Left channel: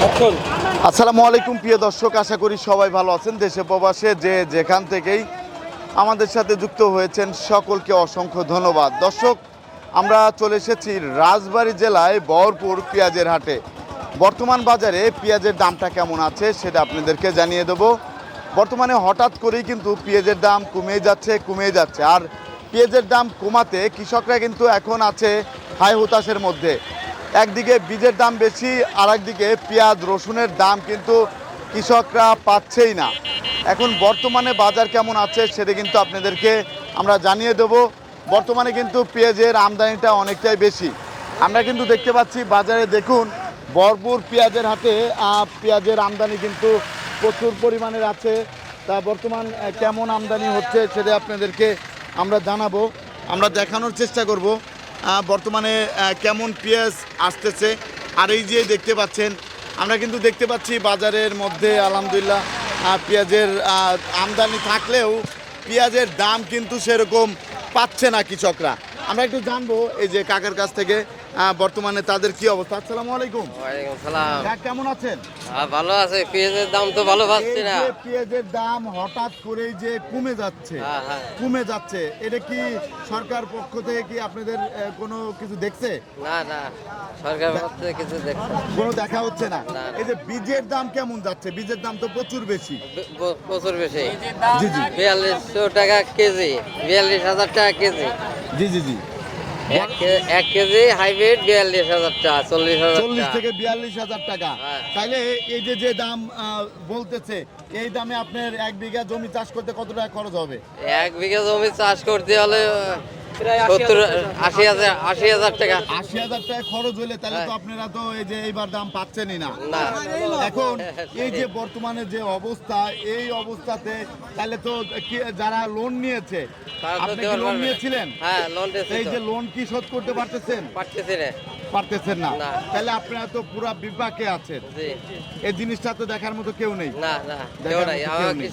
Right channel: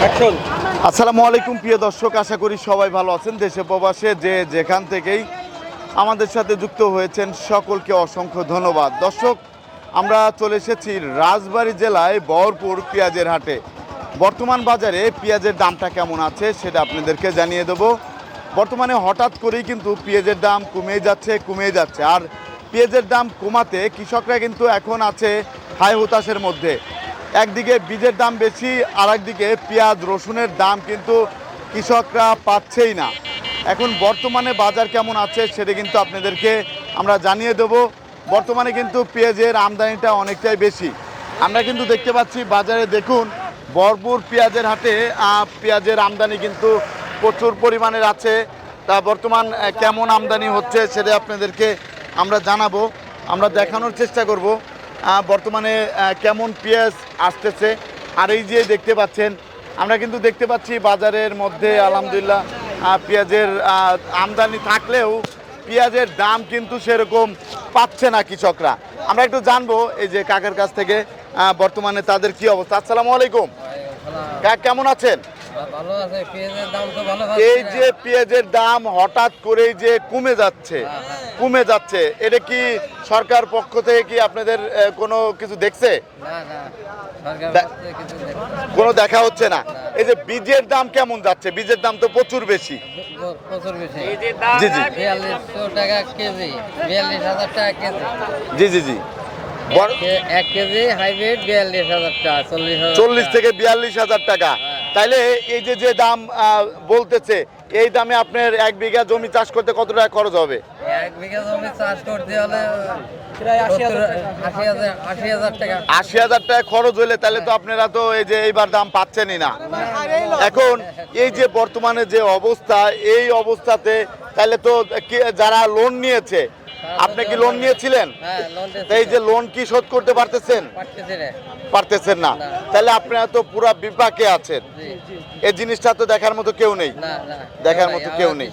আসসালামু আলাইকুম, প্রিয় দর্শক, আশা করি সবাই ভালো আছেন। দেশে প্রবাসে যে যেখান থেকেই আমাদের সাথে যুক্ত হয়েছেন, সকলকে অসংখ্য ধন্যবাদ। দর্শক, আমরা চলে এসেছি রাজবাড়ী জেলায় বহরপুর পেঁয়াজের হাটে। বর্তমান বাজারে পেঁয়াজের দামটা কেমন আছে সেটা আপনাদেরকে জানিয়ে দেবো। বর্তমানে হঠাৎ করেই কিন্তু পেঁয়াজের দাম কমে যাচ্ছে কমে যাচ্ছে। আর পেঁয়াজের দাম কমাতে কৃষকরা কিন্তু এখন আছে হাই হতাশের মধ্যে। একদিকে বীজের দাম বেশি আর একদিকে পেঁয়াজ রসুনের দাম কিন্তু কৃষকরা পাচ্ছেই না। এখন বর্তমানে বাজার কেমন আছে সেটা কিন্তু আপনাদেরকে আমরা জানিয়ে দেব। বর্তমানে কিন্তু পেঁয়াজের আমদানিটা অনেকটাই বেশি। আমরা কিন্তু দেখতে পাচ্ছি বাজারে দেখুন ভরপুর পেঁয়াজের আহ, পেঁয়াজের আমদানি কিন্তু প্রচুর পরিমাণের আছে। তা বর্তমান কেমন আমদানি হচ্ছে সেটা আপনাদেরকে আমরা জানাব। আমরা দেখানোর চেষ্টা করব। বর্তমানে কেমন পেঁয়াজ আসতেছে। আর এই যে দেখতে পাচ্ছেন আমরা কিন্তু দেখতে পাচ্ছি বাজারের মধ্যে আলহামদুলিল্লাহ পেঁয়াজের আমদানি থাকলেও পেঁয়াজের দাম কিন্তু সেরকম পাচ্ছে না কৃষকরা। আমরা একটু জানব এই যে কাকের কাছ থেকে বর্তমানে তাদের কি অবস্থা। আসসালামু আলাইকুম। কেমন আছেন? ভালো আছে পেঁয়াজের দাম তো ভালো এই যে পেঁয়াজের দাম হঠাৎ করেই যে কমে যাচ্ছে হ্যাঁ, হ্যাঁ। কমে যাচ্ছে এটা কি সরকার পক্ষ থেকে কি আপনাদের কোনো কিছু দেখছে? না না। কোনো দেখা হচ্ছে না। এই যে বীজের দাম কেমন যাচ্ছে? বীজের দাম তো প্রচুর বেশি। ব- বেশি। জি জি। বিয়াল্লিশশো টাকা কেজি বিয়াল্লিশ হাজার টাকা কেজি। জি জি জি। এক- এক কেজি হাইব্রিড বিয়াল্লিশ হাজার টাকা চল্লিশ চল্লিশ থেকে বিয়াল্লিশ হাজার টাকা। হ্যাঁ। তাইলে এই যে যে দাম আহ, বলতেছে এই দামে আপনার এক বিঘা জমি চাষ করতে কত টাকা খরচ হবে? এক বিঘা জমি চাষ করতে হলে আশি হাজার টাকা। আশি হাজার টাকা। খরচ হলে তাহলে তো আপনারা তো এই যে এইবার দাম পাচ্ছেনই না। না এখন এই যে বর্তমানে যে অবস্থা এই অবস্থাতে তাহলে তো যারা লোন নিয়েছে আপনি কি লোন নিয়েছিলেন? হ্যাঁ এই যে লোন কি শোধ করতে পারতেছেন? পারতেছেন না। তাহলে আপনারা তো পুরা বিপাকে আছেন। এই জিনিসটা তো দেখার মতো কেউ নেই। দেখার মতো কেউ নেই।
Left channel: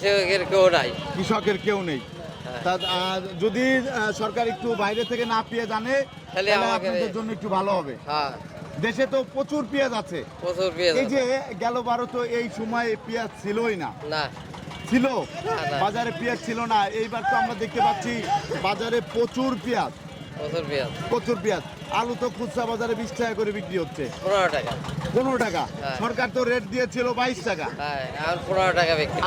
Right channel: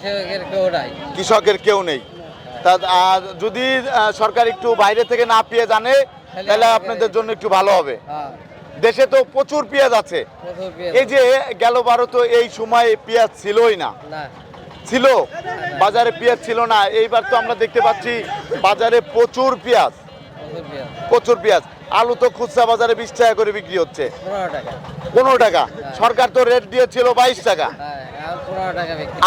কৃষকের কেউ নাই। তা আর যদি সরকার একটু বাইরে থেকে না পেয়ে জানে তাহলে আপনাদের জন্য একটু ভালো হবে। হ্যাঁ। দেশে তো প্রচুর পেঁয়াজ আছে। এই যে গেল বারো তো এই সময় পেঁয়াজ ছিলই না। ছিল বাজারে পেঁয়াজ ছিল না। এইবার তো আমরা দেখতে পাচ্ছি বাজারে প্রচুর পেঁয়াজ। প্রচুর পেঁয়াজ। আলু তো খুচরা বাজারে বিশ টাকা করে বিক্রি হচ্ছে। পনেরো টাকা। সরকার তো রেট দিয়েছিল বাইশ টাকা। হ্যাঁ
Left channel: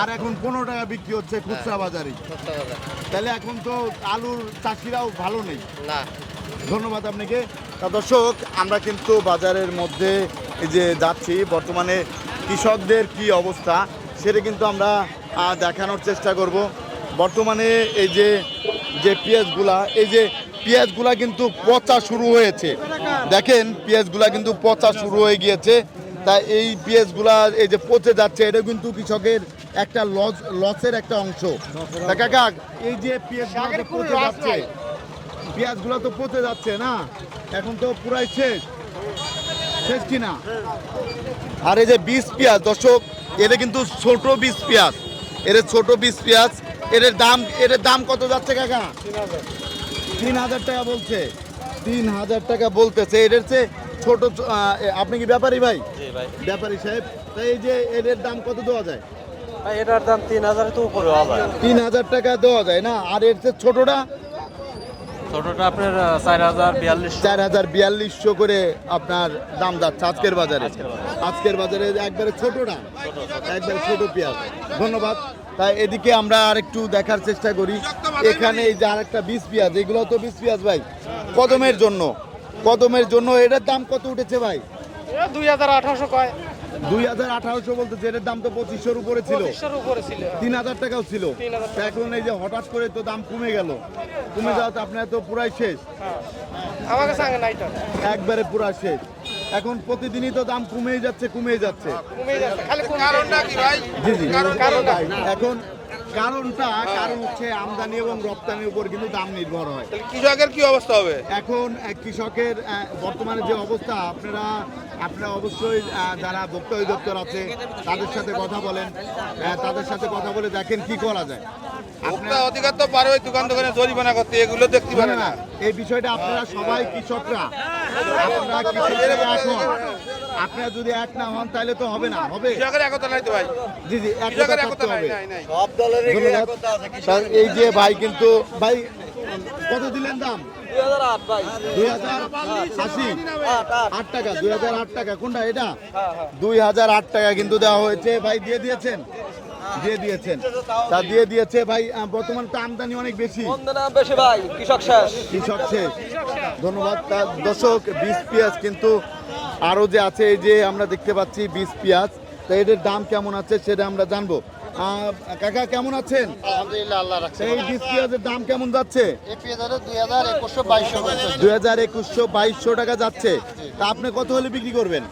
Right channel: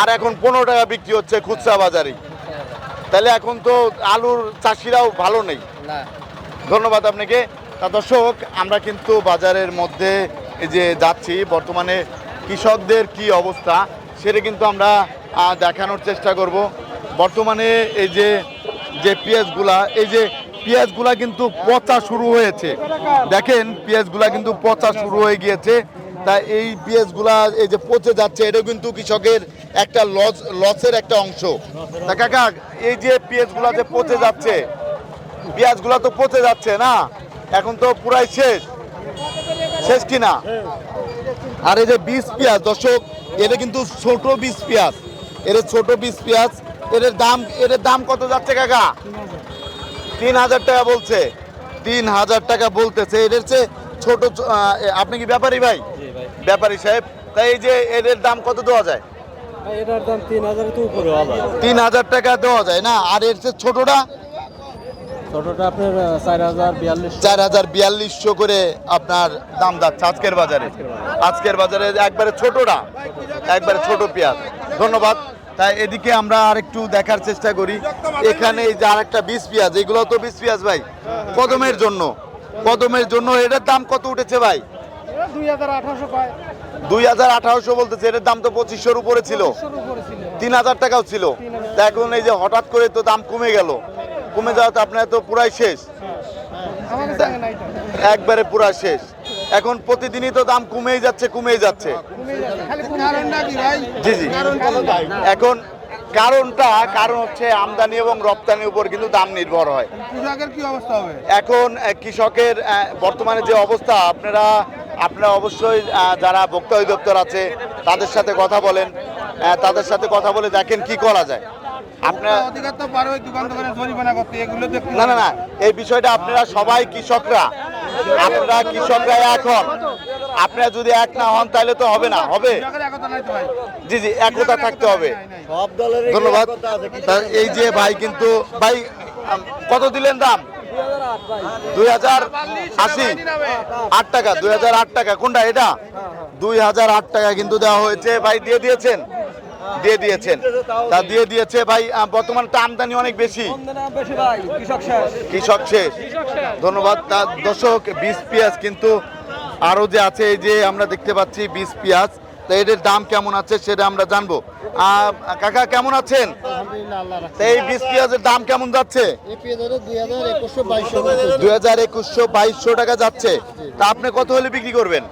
আর এখন পনেরো টাকা বিক্রি হচ্ছে খুচরা বাজারে। তাহলে এখন তো আলুর চাষিরাও ভালো নেই। ধন্যবাদ আপনাকে। তা দর্শক আমরা কিন্তু বাজারের মধ্যে যে যাচ্ছি বর্তমানে কৃষকদের কি অবস্থা সেটা কিন্তু আমরা দেখানোর চেষ্টা করব। বর্তমানে এই যে যে পেঁয়াজগুলা, এই যে পেঁয়াজগুলা কিন্তু পচা শুরু হয়েছে। দেখেন, পেঁয়াজগুলা কিন্তু পচা শুরু হয়ে গিয়েছে। তা এই পেঁয়াজগুলা, এই যে পচে যাচ্ছে এটা কিন্তু কৃষকের একটা লস, লসের একটা অংশ। তা কাকা, এই যে পেঁয়াজগুলা যে পচে যাচ্ছে, পেঁয়াজগুলো তো পচে যাচ্ছে না? এখন তো পুরাই শেষ। শেষ কি না আর এই যে বীজ পেঁয়াজ, দর্শক এটা কিন্তু ছোট বীজ পেঁয়াজ। এর ছোট বীজ পেঁয়াজ এর দাম এর দাম কত যাচ্ছে কাকা? তিন হাজার টাকা বলছে। তিন হাজার টাকা বলতেছে। এদের চেয়ে ছোট আপনি কি ব্যাপারী ভাই? ব্যাপারী সাহেব তাই এই যে এদের দাম কত দেওয়া যায়? এটার দাম তিন হাজার তিন হাজার টাকা দেওয়া যায় না? আর এর চেয়ে ছোটটা? ছোটটা আপনার চার হাজার বিয়াল্লিশশো করে আপনার দাম যাচ্ছে আজকের বাজারে। আজকের বাজারে একবারে ছোটটা। একবারে ছোট পেঁয়াজ। ধন্যবাদ। তাই এদিকে আমরা আরেকটু দেখার চেষ্টা করি। এখানে এই যে আরেকটা বিষ পেঁয়াজ এগুলো তো বিষ পেঁয়াজ ভাই। কদমের জন্য। কদমের জন্য এটার দাম কত উঠেছে ভাই? দুই হাজার আঠারোশো দুই হাজার আঠারোশো বলতেছে এটার দাম তো পঁচিশশোর উপরে ছিল। তিন হাজার টাকাও ছিল। তা এখন এই যে হঠাৎ করে তো দাম কমে গেল। কমে যাওয়াতে আপনার তো পুরাই শেষ। নাইটা একবারে পুরা শেষ। এখন প্রতিদিনই তো দাম কমেই যাচ্ছে কমেই যাচ্ছে। জি জি। এখন কারণটা কারণ হচ্ছে আমদানি এবং রপ্তানির উপর কিন্তু দাম নির্ভর হয়। কৃষকের কি অবস্থা হবে? এখন কৃষকের বর্তমানে যে অবস্থা আপনারা আপনারা অবশ্যই যারা ভোক্তা অধিদপ্তর আছে তাদের সাথে কথা বলেন। তাদের সাথে কথা বলে দেখেন কি করা যায়। আপনারা অধিকার তো পারে দোকান দোকানে জরিমানা করতে এগুলো দেখতে না না এই বিষয়টা আপনারা সবাই কৃষকরা। আপনারা কৃষকরা এখন আপনারা যদি এক না হন তাহলে তো হবে না। হবে? কৃষকের একতা নাই তো ভাই। জি জি একতা থাকতে হবে। ধন্যবাদ। এই যে ভাই কিন্তু ভাই কত দিলেন দাম? দুই হাজার আশি। আট টাকা দুই হাজার আট টাকা। কোনটা এটা? দুই হাজার আট টাকা কিন্তু দেওয়া হয়েছে। ভাই দিয়ে দিয়েছেন? দিয়ে দিয়েছেন। তা দিয়ে দিয়েছে ভাই বর্তমানে তো আমদানি অনেক বেশি। কৃষক শেষ। কৃষক শেষ। ধন্যবাদ। তা দর্শক বীজ পেঁয়াজ কিন্তু আরও যে আছে এই যে আমরা দেখতে পাচ্ছি বীজ পেঁয়াজ। তো এদের দাম কেমন আছে সেটা আমরা জানব। কাকা কেমন আছেন? এই বীজ পেঁয়াজের দাম কেমন যাচ্ছে? দুই হাজার একুশশো বাইশশো টাকা। যাচ্ছে। তা আপনি কত হলে বিক্রি করবেন?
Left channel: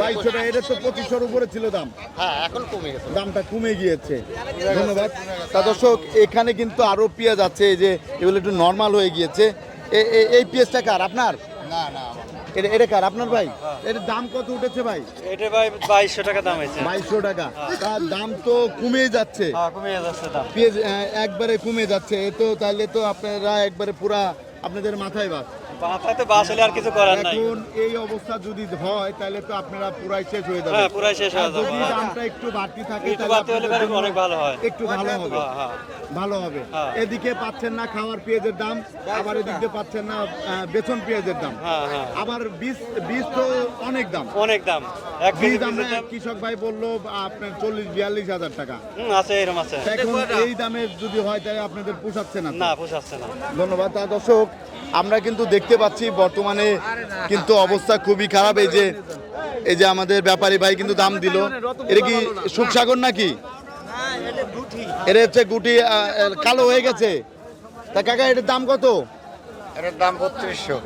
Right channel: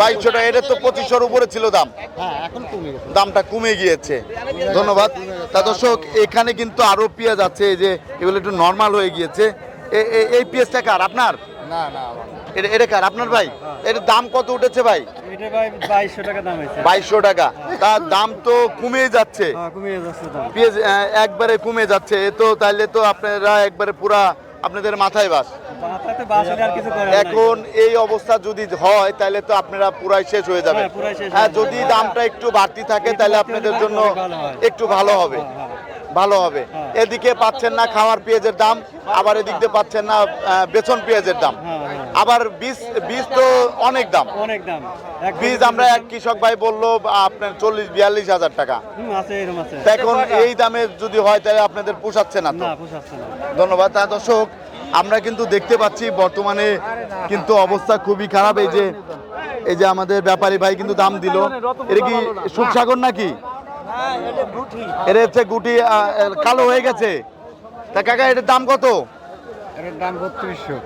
বাইশশো টাকা। এটা তো পঁচিশশোর উপরে ছিল দাম। দামটা কমে গিয়েছে। ধন্যবাদ। তা দর্শক এখানে কিন্তু আরও পেঁয়াজ আছে এই যে এগুলো একটু নর্মাল হয়ে গিয়েছে। এই পেঁয়াজটা কার? আপনার? এটা এটা কার? আপনার ভাই? এটার দাম কত উঠেছে ভাই? এটা ভাই বাইশশো টাকা দাম হয়েছে। টাকা। তার দাম তো কমে যাচ্ছে। হ্যাঁ কমিয়ে যাচ্ছে দাম। পেঁয়াজ একবারে কমে যাচ্ছে। এ তো তাইলে তো আপনারা একবারে পুরা আপনাদের মাথায় বাস। এখন এই অবস্থা যদি হয় তাহলে তো আপনারা পুরাই শেষ হয়ে যাবে। হ্যাঁ, শেষ হয়ে আর যদি দামটা একটু বাড়তি থাকে তাহলে আপনাদের জন্য হয়। একটু ভালো হবে। হ্যাঁ, হ্যাঁ। ভালো হবে। হ্যাঁ। এদিকে পাচ্ছেন না খাওয়ার পেঁয়াজের দাম আবার এদিক দিয়ে পাচ্ছেন না বেতন পেঁয়াজের দাম। হ্যাঁ, হ্যাঁ। আবার বীজ বীজ তো অনেক দাম। অনেক দাম। বীজ আমরা এক কৃষক ভাই বলল আপনার চল্লিশ বিয়াল্লিশ হাজার টাকা। এখন এই দামে যদি হয় তাহলে আপনাদের পোষাচ্ছে না পোষাচ্ছে না। ধন্যবাদ। তা দর্শক আমরা কিন্তু দেখতে পাচ্ছি বর্তমানে কিন্তু অবস্থা খুবই খারাপ। এই যে এই যে আমাদের ব্যাপারী ভাই কিন্তু দাম দিল। এটা কি সুখসাগর নাকি? এটা হচ্ছে গুটি কালো হয়ে গেছে। তা কাকা এটার দাম কত? এটার দাম বত্রিশশো।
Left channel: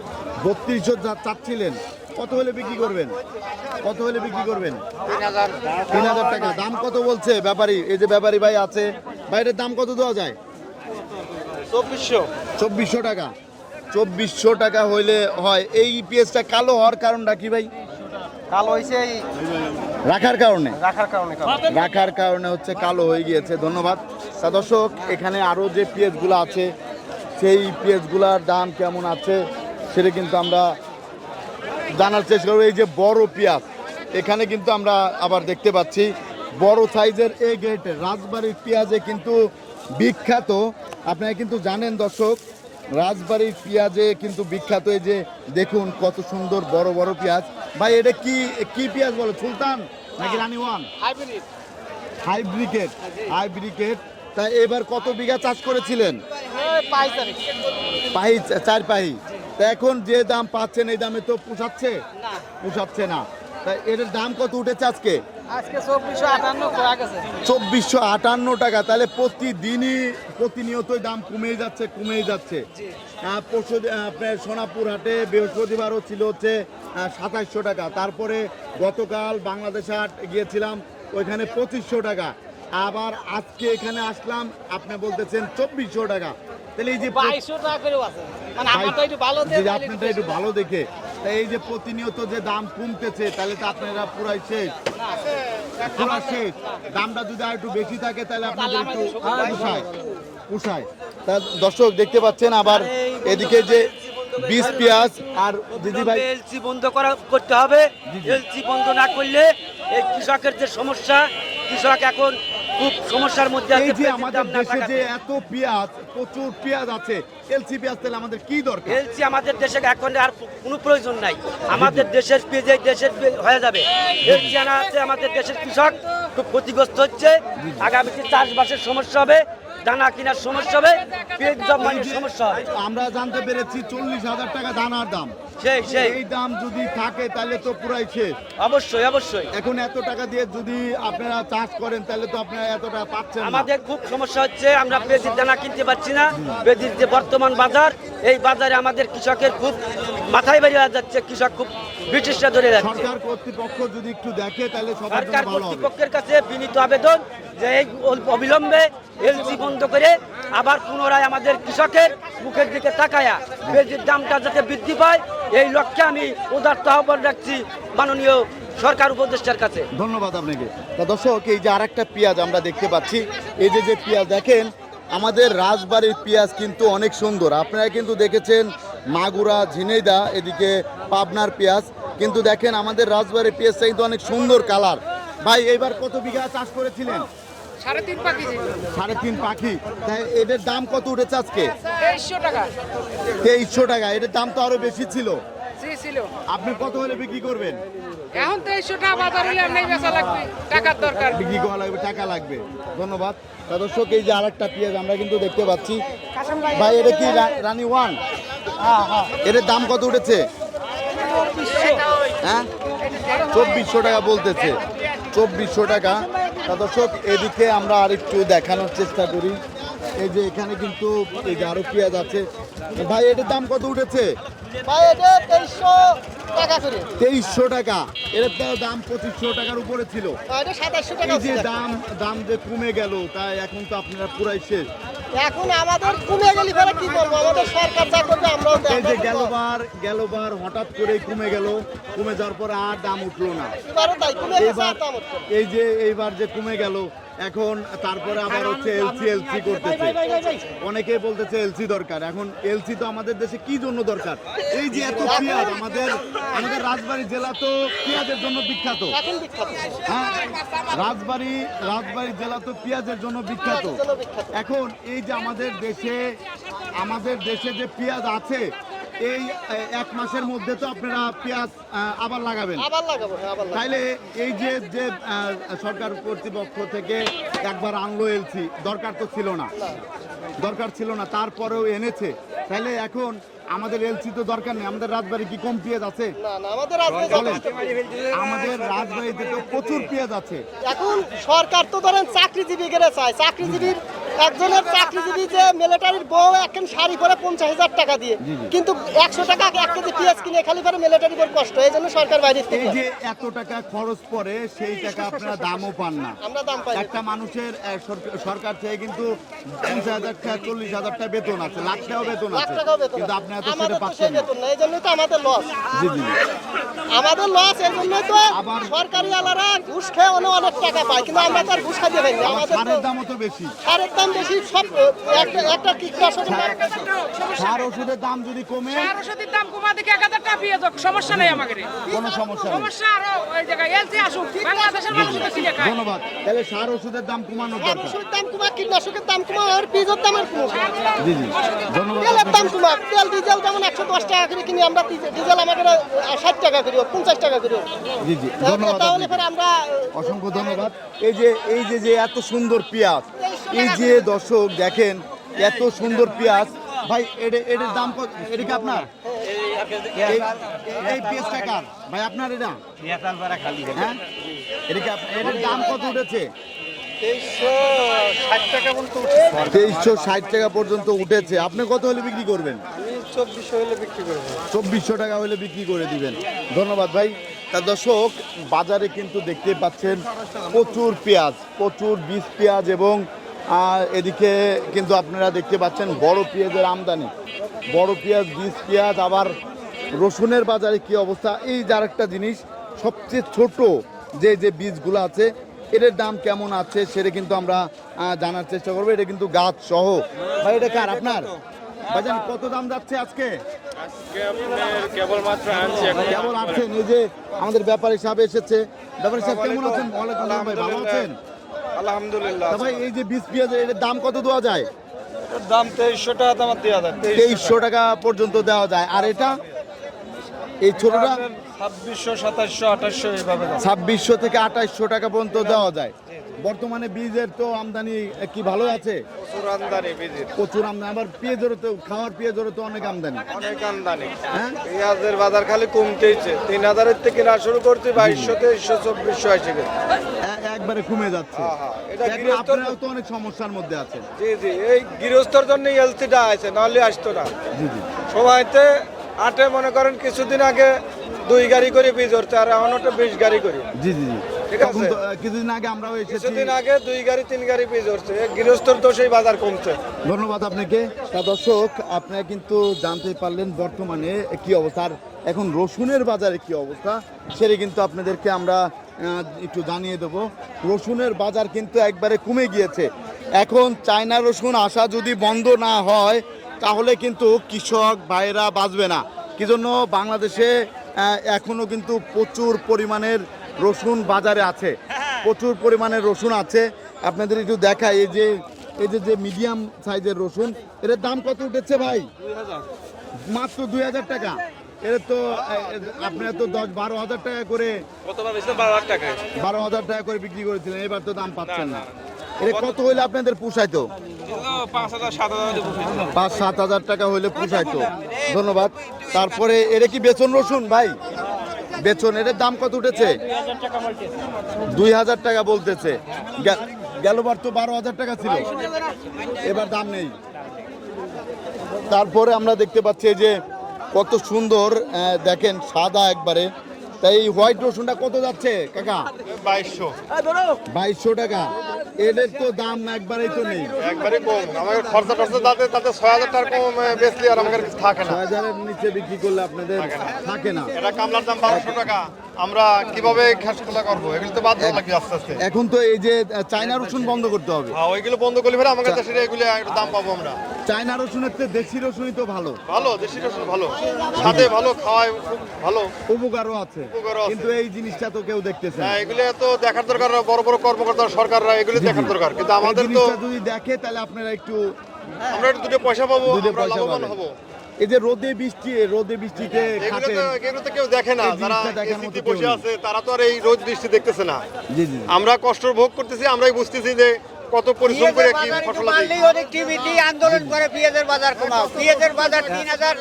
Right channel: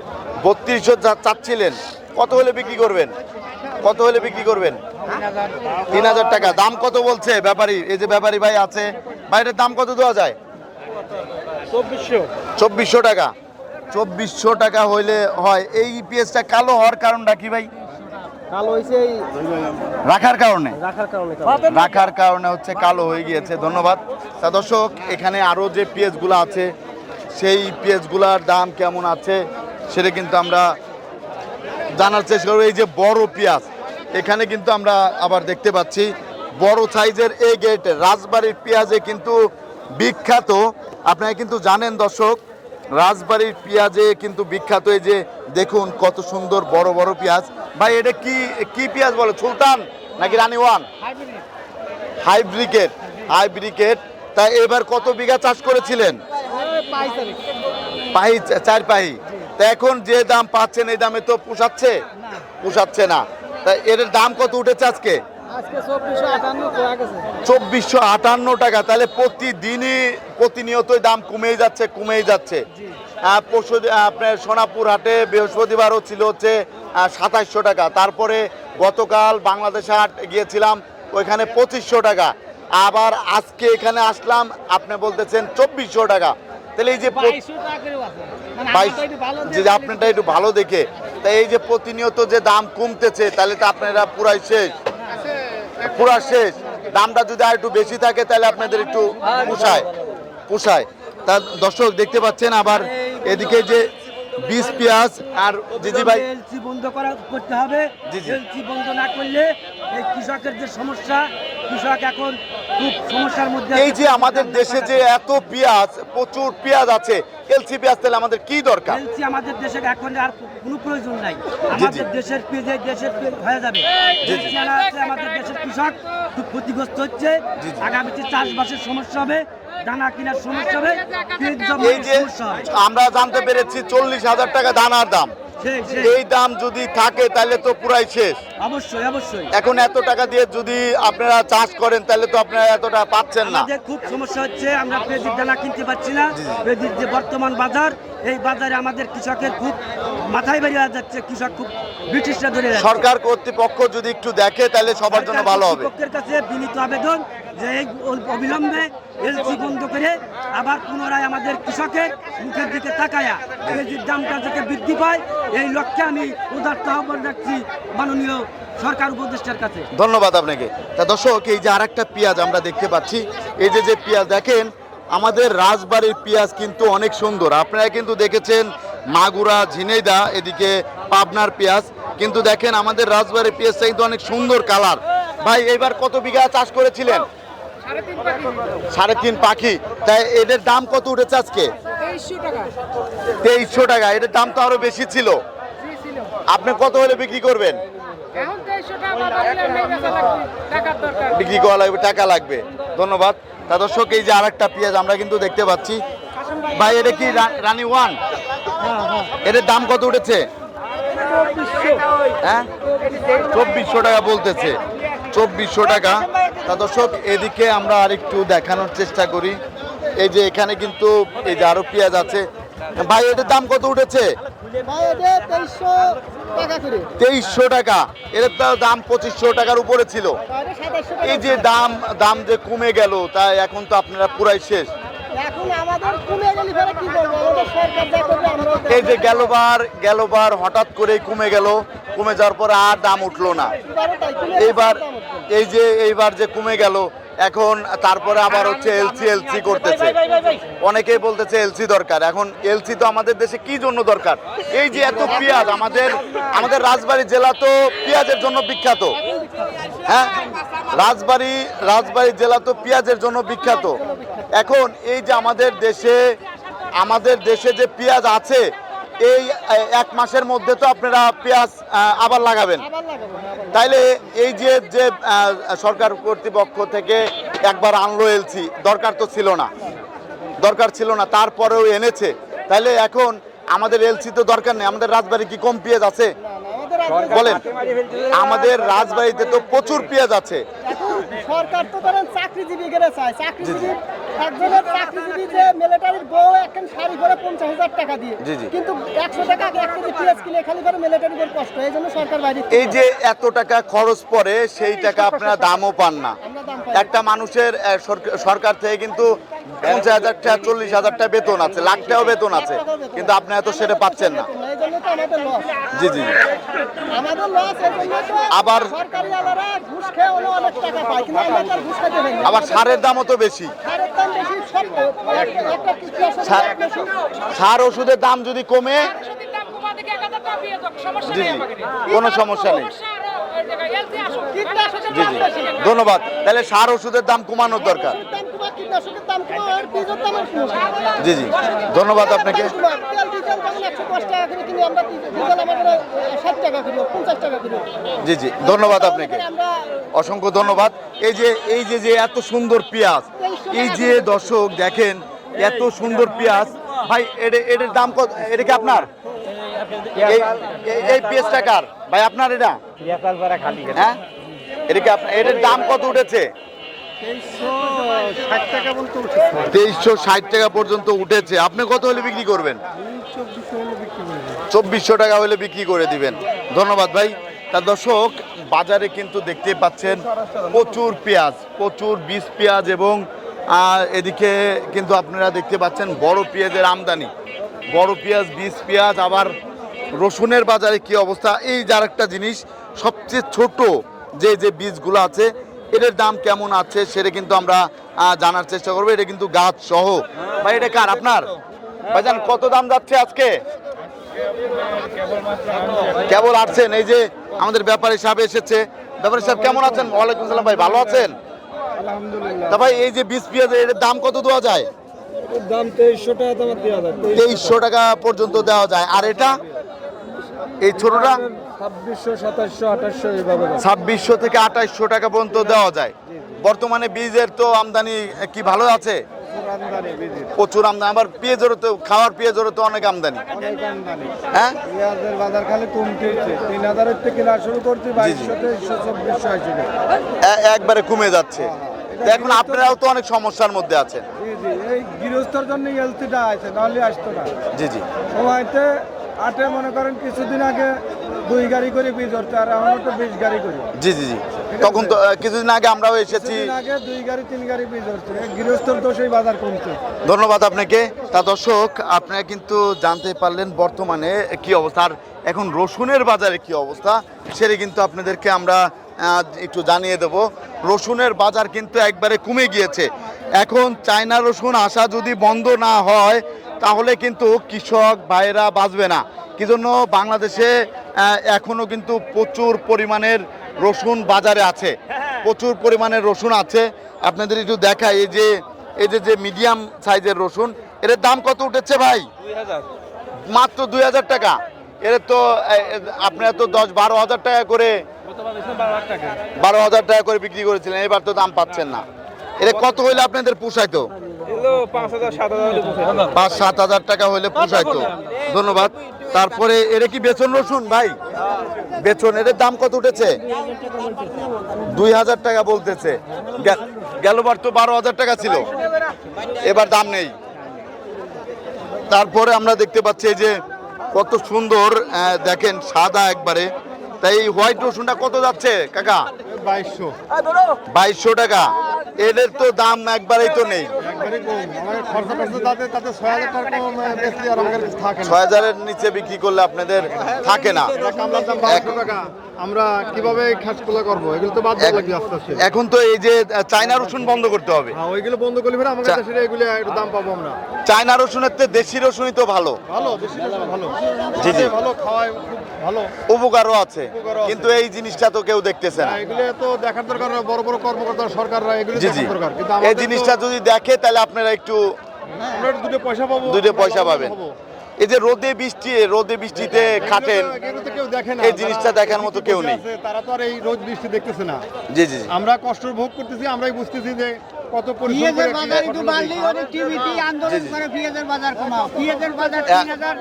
বত্রিশশো চাচ্ছিলেন। কত হলে বিক্রি করবেন? কত হলে বিক্রি করবেন? তিন হাজার টাকা। দাম কত বলছে ব্যাপারী? এই যে ব্যাপারী ভাই আছে। ভাইটার দাম কত দেওয়া যায়? চব্বিশশো। টাকা। চব্বিশশো টাকা হইলে হয়। এই ইপিএসটা কালো হওয়ার কারণটা কি ভাই? রাখার কারণে? রাখার কারণে রাখার কারণে হচ্ছে কালো হয়ে গিয়েছে ধন্যবাদ। তা দর্শক এখানে আরও যে পেঁয়াজগুলো আছে সেই পেঁয়াজগুলার দাম কেমন আছে সেটা কিন্তু আমরা জানার চেষ্টা করব। এই যে বড় পেঁয়াজ এখানে কিন্তু আমরা আবার দেখতে পাচ্ছি বড় সাইজের এই গেট রাজবাড়ির পেঁয়াজে কিন্তু বিখ্যাত। আপনারা কিন্তু জানেন দর্শক রাজবাড়ির পেঁয়াজে কিন্তু বিখ্যাত এই যে দেখুন কত সুন্দর বড় বড় পেঁয়াজ। ভাই এটা কি কি পেঁয়াজ বলে? সুলতান নাকি রানী ওয়ান? হাইব্রিকেট হাইব্রিকেট। তা এবার কত বিঘা চাষ করেছিলেন? পাহি চার পাহি। তা এখন যে দাম পাচ্ছেন এই দামে তো পোষাচ্ছে? পোষাচ্ছে না। তা এর দাম কত উঠেছে আজকে? চব্বিশশো আটান্ন টাকা। তাহলে প্রতিদিনই প্রতিনিয়তই দাম কমেই যাচ্ছে কমেই যাচ্ছে। পরশু আপনার সোনাপুর হাটে বৃহস্পতিবারও ছিল হচ্ছে সাতাইশশো টাকা। তারপরে গতকাল বাংলাদেশ হাট গিয়েছিলাম ওইখানে পঁচিশশো টাকা। আবার আজকে এখানে আসলাম আপনি বলতেছেন চব্বিশশো টাকা। তাহলে এই যে মানে যে আপনারটা একটু ভালো দেখে তাই এই যে প্রতিনিয়ত যে দাম কমতেছে তাহলে তো আপনারা পুরাই শেষ। পুরা শেষ। দামটা যদি আর একটু বেশি থাকে তাহলে আপনাদের একটু পোষায়। পোষায়। তা দর্শক দেখতে পাচ্ছেন আবার এদিকে যে বীজ পেঁয়াজ আর দিদি ভাই এলসি বন্ধ করা করতে হবে। এলসি বন্ধ না করলে এই কৃষকের যে সমস্যা কৃষক এখন খুব সমস্যার মধ্যে এই যে আমাদের দেশে যে এত পেঁয়াজ প্রচুর পেঁয়াজ আছে এলসি পেঁয়াজ তাহলে আমাদের কি দরকার? এলসি আমাদের দেশে এখন আর কোনো প্রয়োজন নাই। আমাদের দেশের পেঁয়াজ দেশের পেঁয়াজ হয়ে যাবে। এলসি আনা আছে আমাদের দেশের কৃষক খুব ক্ষতিগ্রস্ত হচ্ছে। আগামীতে চাষবাসের সমস্যা হবে দানা কেনার সমস্যা হবে পেঁয়াজ এই যে সমস্যা হবে। আমরা জানতে পেরেছি চল্লিশ হাজার টাকা দানার দাম। এই দাম যদি থাকে তাহলে তো পুরাই শেষ। অবশ্যই অবশ্যই। এখন এত টাকা দিয়ে যদি আপনারা চাষ করেন তাহলে তো আপনারা এতটা পাচ্ছেন না। আমাদের খুব সমস্যা হচ্ছে আমরা বেদিক দানা কিনতে পারছি না। বেদিক যে বর্তমান বাজার এই বাজারে আমাদের কৃষকের খুব মাথায় বেরিয়ে যাচ্ছে কৃষক খুব ব্রিটিশরা ধরে সরকার কর্তৃপক্ষ যদি একটু দেখে তাহলে সবার জন্য ভালো হবে। কর্তৃপক্ষের কাছে বিনীত আবেদন যে এই অবিলম্বে এলসি বন্ধ করে আবার পুনরায় আমাদের কৃষকের মুখের দিকে তাকায়া এলজির দামটা যাতে বৃদ্ধি পায় এই লক্ষ্যে আমি উদার্ত আহ্বান রাখছি মাননীয় সরকার উপদেষ্টার কাছে। ধন্যবাদ আপনাকে। তা দর্শক এই যে আরেকটা পেঁয়াজ আমরা দেখতে পাচ্ছি এই যে যে পেঁয়াজ দেখেন আমাদের রাজবাড়ির পেঁয়াজ কিন্তু অনেক সুন্দর। আপনারা কিন্তু দেখেছেন মাগুরা ঝিনেইদা এদিকে পাবনার পেঁয়াজ। কিন্তু দেখেন আমাদের রাজবাড়ি পেঁয়াজটা কিন্তু অনেক সুন্দর কালার। ভাই এইবার কত বিঘা চাষ করেছিলেন? সাড়ে তিন পাখি। তাই এদের দাম কত উঠেছে আজকে? তেইশশো টাকা। এদের দাম তো আরও বেশি ছিল। আপনি কত হলে বিক্রি করবেন? বিক্রি করা লাগবে টাকা লাগবে। ধন্যবাদ। তা দর্শক এই যে আরেকটা পেঁয়াজ আমরা কিন্তু দেখতে পাচ্ছি। ভাই এটা কি রানী ওয়ান? এটার দাম কত উঠেছে? হ্যাঁ? চব্বিশশো টাকা বলতেছে। চব্বিশশো টাকা। তা দর্শক এদিকে আমরা আরেকটু দেখানোর চেষ্টা করি। এই যে এখানে কিন্তু এই যে আরও পেঁয়াজ আছে। ভাই এটার দাম কত উঠেছে? তেইশশো টাকা। এর তো দাম পঁচিশশো টাকার উপরে ছিল। এই যে দাম দাম যে কমে গেল তাই এখন তো আপনারা পুরাই শেষ। এখন আমাদের কমে গেলে ফেরে কি করব আমাদের সরকার যা করবে আমরাও এই যে গেলবার গেলবার হঠাৎ করে কমে গেল কমে যাওয়ার পর আর দাম উঠল না। এইবার এই যে এইবার যে কমে গেল এখন তারপরে আবার হচ্ছে এলসি এলসি করতেছে। অনেকেই বলতেছে এলসি দরকার। এখন এলসি তো আমাদের দেশে কি জন্য দরকার? এই যে এত পেঁয়াজ আমাদের আমাদের রাজবাড়ী জেলা তো পেঁয়াজের জন্য বিখ্যাত। হ্যাঁ? রাজবাড়ী রাজবাড়ী জেলা তো পেঁয়াজের জন্য বিখ্যাত। এখন এই যে আমাদের দেশে আমাদের দেশে যে পেঁয়াজ আছে এই এক মাসের মধ্যে তো আপনারা পেঁয়াজ আবার লাগাবেন। আবার তাইলে এই যে যে সরকার কর্তৃপক্ষ থেকে একবার আনলো এলসি দরকার তো ছিল না। দরকার ছিল না তারপরেও এনেছে। তাইলে এখন আমাদের এলসি তো দরকার নেই আমাদের রাজবাড়ি কি কম পেঁয়াজ আছে? না, না, আমাদের রাজনীতি- বলেন আমাদের রাজবাড়িতে তো প্রচুর পেঁয়াজ আছে। সরকার তো ধরেন চাকরিজীবী করে চায়। চাকরিজীবী একজনের চাকরিজীবী যে এখন শাড়ি করে পঞ্চাশ হাজার টাকা দিয়ে। কিন্তু একশো টাকা এক কেজি পেঁয়াজ কিনে খালি করে মিলিটারি বউ কষ্ট। এই জন্য সরকার বাইরে এই যে এত টাকা খরচ পড়ে সেই টাকা আপনারা দামও পান না। একটা মানুষের সরকার থেকে কিন্তু পঞ্চাশ হাজার টাকা চল্লিশ হাজার টাকা বেতন আছে লাখ টাকাও বেতন আছে। কিন্তু আপনি এত সেটা পাচ্ছেন না। তো জি জি। আমাদের লস এর জন্যই তো আবার- সরকারি আলারা ঘুষ খেয়ে অনেক টাকা পায় কিন্তু আমরা তার ঘুষ খাইতে পারি আবার সারের দামও তো বেশি। সারের দাম বেশি সব একটা কীটনাশক সার- ওষুধের দাম যদি কমে আর ওষুধের দাম কমা দেখে এক হাজার টাকা পেয়ে যাক, সমস্যা নেই কোনো সমস্যা নেই। ধন্যবাদ। তাহলে সার ওষুধের দাম কমানোর দরকার। জি জি। ধন্যবাদ আপনাকে। দাম কমা। তেল ডিজেল যেমন একশো দশ টাকা করে কিনি আমরা ডিজেল আমাদের ষাট টাকা করি পঞ্চাশ টাকা করি। জি জি। ধন্যবাদ আপনাকে। অসংখ্য ধন্যবাদ। এই যে এই যে যে এত সুন্দর পেঁয়াজ এই যে দর্শক দেখেন এত সুন্দর পেঁয়াজ। ভাই এটা এটার দাম কত? এটা কি আপনার? এই- পেঁয়াজটা কার? ভাই আপনার এটা? হ্যাঁ? এটা কি এটার দাম কত উঠেছে? তেইশশো ষাট টাকা পর্যন্ত উঠেছে। আপনি কত হলে বিক্রি করবেন? চব্বিশশো টাকা হলে বিক্রি করে দিবেন। ধন্যবাদ ভাই। তা দর্শক বাজারে কিন্তু দেখতে পাচ্ছেন প্রচুর পেঁয়াজ প্রচুর বীজ পেঁয়াজ এবং আহ, এদিকে কিন্তু আপনারা দেখতে পাচ্ছেন বড় পেঁয়াজের আমদানি। বড় পেঁয়াজ বীজ পেঁয়াজ আবার রসুনের বাজারে কি অবস্থা? এই যার একটা জিনিস সবচেয়ে ছোট যে যে বীজগুলো আছে এটার দাম কেমন আছে সেটা কিন্তু আমরা জানার চেষ্টা করব। এটা কিন্তু গাছ সহ। ভাই এটা কার? আপনার? ভাইজান কত দাম যাচ্ছে আজকে? কেবল আসছেন এই যে আমাদের ব্যাপারী সাহেব এসেছে। ব্যাপারী সাহেব কেমন আছেন? ওয়ালাইকুম সালাম ভাই ভালো আছেন? তা ভাই এই যে বীজ পেঁয়াজের এর দাম কত দেওয়া যায়? দাম তেইশশো টাকা তোমার দেওয়া যায় তেইশশো টাকা পর্যন্ত দেওয়া যায়। আর এটা? এই ছোটটা? ছাব্বিশশো আঠাশশো থেকে আঠাইশশো টাকা পর্যন্ত দেওয়া যায়। বর্তমানে বীজের তো আমদানি কি ভালো আছে? প্রচুর আমদানি আবার পেঁয়াজেরও তো খাওয়ার পেঁয়াজেরও তো অনেক আমদানি। হ্যাঁ? পেঁয়াজের বাজার খালি কমতেইছে। তিন হাজারের থেকে কেনা শুরু করতে বাইশশো তেইশশো চব্বিশশো আসে একবারে কমে যাচ্ছে। এটা এখন আপনারাও তো অনেক সমস্যার মধ্যে আছেন। জি জি এই গৃহস্থর জন্য এলসিটা আছে নাহলে আসতো না। জি জি। সময়তে আটে মনে করেন কিছুদিন আগে দুই গাড়ি করে বীজ হচ্ছে আর এখন তো বিশ গাড়ি করে। জি জি জি। তখন তো কিছুদিন আগে আমরাও এসেছি। কিছুদিন আগে দুই গাড়ি তিন গাড়ি বীজ হচ্ছে গৃহস্থর সেই বাজার কমছে। ধন্যবাদ আপনাকে। তা দর্শক আপনারা কিন্তু জানতে পারলেন বর্তমানে কি অবস্থা। আর এখন রসুনের বাজারে কি অবস্থা সেটা কিন্তু আপনাদেরকে আমরা একটু জানিয়ে দেব রসুনের বাজার কিন্তু একবারে কমে গিয়েছে। এখন চায়না রসুন আসা যদি বন্ধ না হয় তাহলে কিন্তু কৃষক ভাইরা বাঁচবে না। কি জন্য বাংলাদেশে এখনও কিন্তু প্রচুর পরিমাণের রসুন বাজারে আছে। প্রচুর পরিমাণের রসুন আছে। আপনাদের একটু দেখাই এই যে এই যে যে মিডিয়াম সাইজের রসুন এর দাম কত উঠেছে ভাই? মাত্র দুই হাজার টাকা। এর তো আপনারা তো দশ বারো হাজার টাকা করে বারো হাজার টাকা করে বিক্রি করেছিলেন, এবার তো দাম পাচ্ছেন না। এটা কত হইলে আপনাদের পোষাইতো? পাঁচ, সাত হাজার টাকা হইলে পোষাইতো। ধন্যবাদ। তারপরে এর কি বেতন রসুন ভাই? বেতন এর দাম কত উঠেছে? দুই হাজার টাকা বলতেছে। গেলবার তো বারো হাজার টাকা ছিল। এবার দাম নেই। তারপরে আমরা দেখতে পাচ্ছি যে কত সুন্দর দেখেন সাদা একবারে। তাই এই হোয়াইট রসুনটা কত যাচ্ছে কাকা? বাইশশো। বাইশশো টাকা। এদের তো দাম একবারেই তো নেই। একবারে কম আমাদের খরচা টরচা তাতে তাতে ছয় কম বেশি আর আমাদের কিছু থাকে না। ছয় হাজারের নিচে বিক্রি করলে আপনাদের থাকে না। আমরা কীভাবে খাসগুলো করব? এগুলো তো বাদ লাগবে আস্তে আস্তে। এখন তো এই যে চায়না রসুন বন্ধ করতে হবে। হ্যাঁ ওইগুলো বন্ধ করলে ফেলে আমাদের দেশের এগুলো একটু দাম পাবো আমরা। চায়না রসুনের তো দেশি রসুনই তো ভালো। ভালো দেশি রসুন ভালো। ভালো খাওয়ায় খুব ভালো উপকারও আছে কিন্তু এই জিনিসটা তো কেউ দেখতেছে না। এগুলো তো দেখার দরকার বড় বড় কর্মকর্তা সরকাররা এগুলো দেখার দরকার কিন্তু এই জিনিসটা যদি দেখে তাহলে আপনারা একটু হ্যাঁ, আমরা দুটো পয়সা পাবো দুটো পয়সা পাবেন। এই যে রোদে বৃষ্টি রোদে বৃষ্টিতে হ্যাঁ, খাটেন এই জিনিসটা দেখার মতো কেউ নেই। তারা তো আর এই রোদ বৃষ্টি দেখতেছে না। জি জি আমরা কষ্ট ভোগ করতেছি আমরাই বুঝতেছি যে কত পরিশ্রম করে আন্দোলন করে বাজার কমাও। বাজার হ্যাঁ। 3000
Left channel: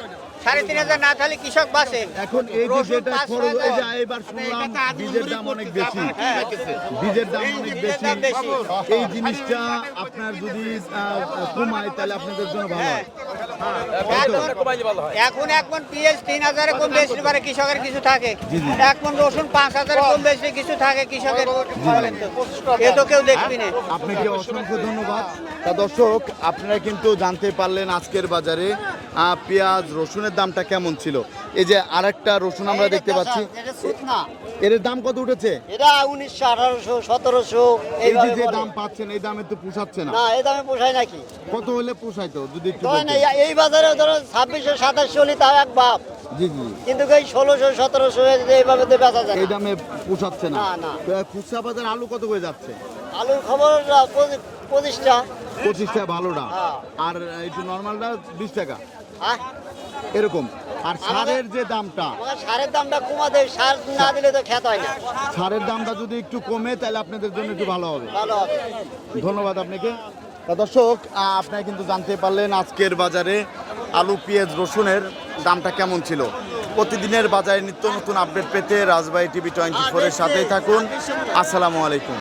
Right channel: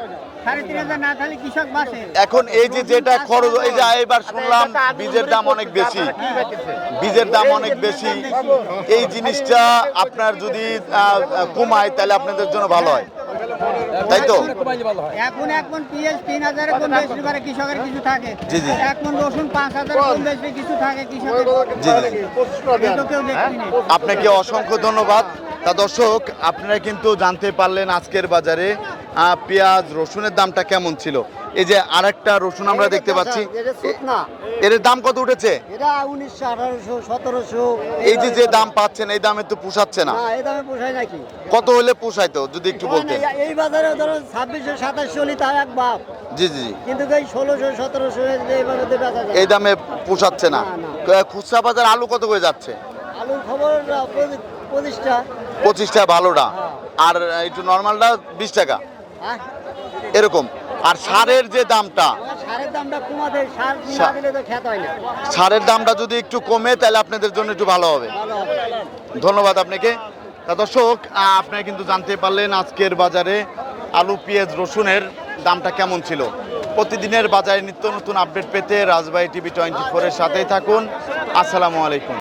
এখন এই যে যেটা খরচ এই যে এবার শুনলাম বীজের দাম অনেক বেশি। বীজের দাম অনেক বেশি। এই জিনিসটা আপনার যদি কমায় তাহলে আপনাদের জন্য ভালো হয়। তাই তো? এখন এক তিন হাজারে কম বেশি পারে কৃষকের কিছু থাকে। রসুন পাঁচ হাজার কম বেশি কিছু থাকে কৃষকের। তো কেউ দেখবি না। আপনাকে অসংখ্য ধন্যবাদ। তা দর্শক আপনারা কিন্তু জানতে পারলেন আজকের বাজারে পেঁয়াজ রসুনের দামটা কেমন ছিল? এই যে আরেকটা রসুন আমরা দেখতে পাচ্ছি। এর দাম কত উঠেছে? এই যে যে দাম পাচ্ছেন এই দামে তো পোষাচ্ছে না। এই দামে পোষায় নাকি? কত হলে পোষাইতো যদি একটু বলতেন। এই বাজারে ধরো ছাব্বিশশো সাতাশশো তাও এক বাপ। জি জি কিন্তু এই ষোলোশো সতেরোশো এইভাবে তো বেচা যায়। এই দামে পোষাচ্ছে না। খুচরা বাজার আলু কত করে যাচ্ছে? আলুর খবর পঁচিশটা। পঁচিশটা ভালোটা। হ্যাঁ। আর একটু নর্মালটা বিশ টাকা। এরকম। আর সারের যে দামটা সারের দামটা কমাতে সার না দিলে তো খেত হয় না। সারের দামটা যদি একটু কমে তাহলে আপনাদের জন্য একটু ভালো হবে। ধন্যবাদ আপনাকে। তা দর্শক আপনারা কিন্তু জানতে পারলেন আজকের বাজারে আলু পেঁয়াজ রসুনের দামটা কেমন ছিল। প্রতিদিনের বাজারে নিত্য নতুন আপডেট পেতে রাজবাড়ি টিভি টোয়েন্টি ফোরের সাথেই থাকুন। আসসালামু আলাইকুম।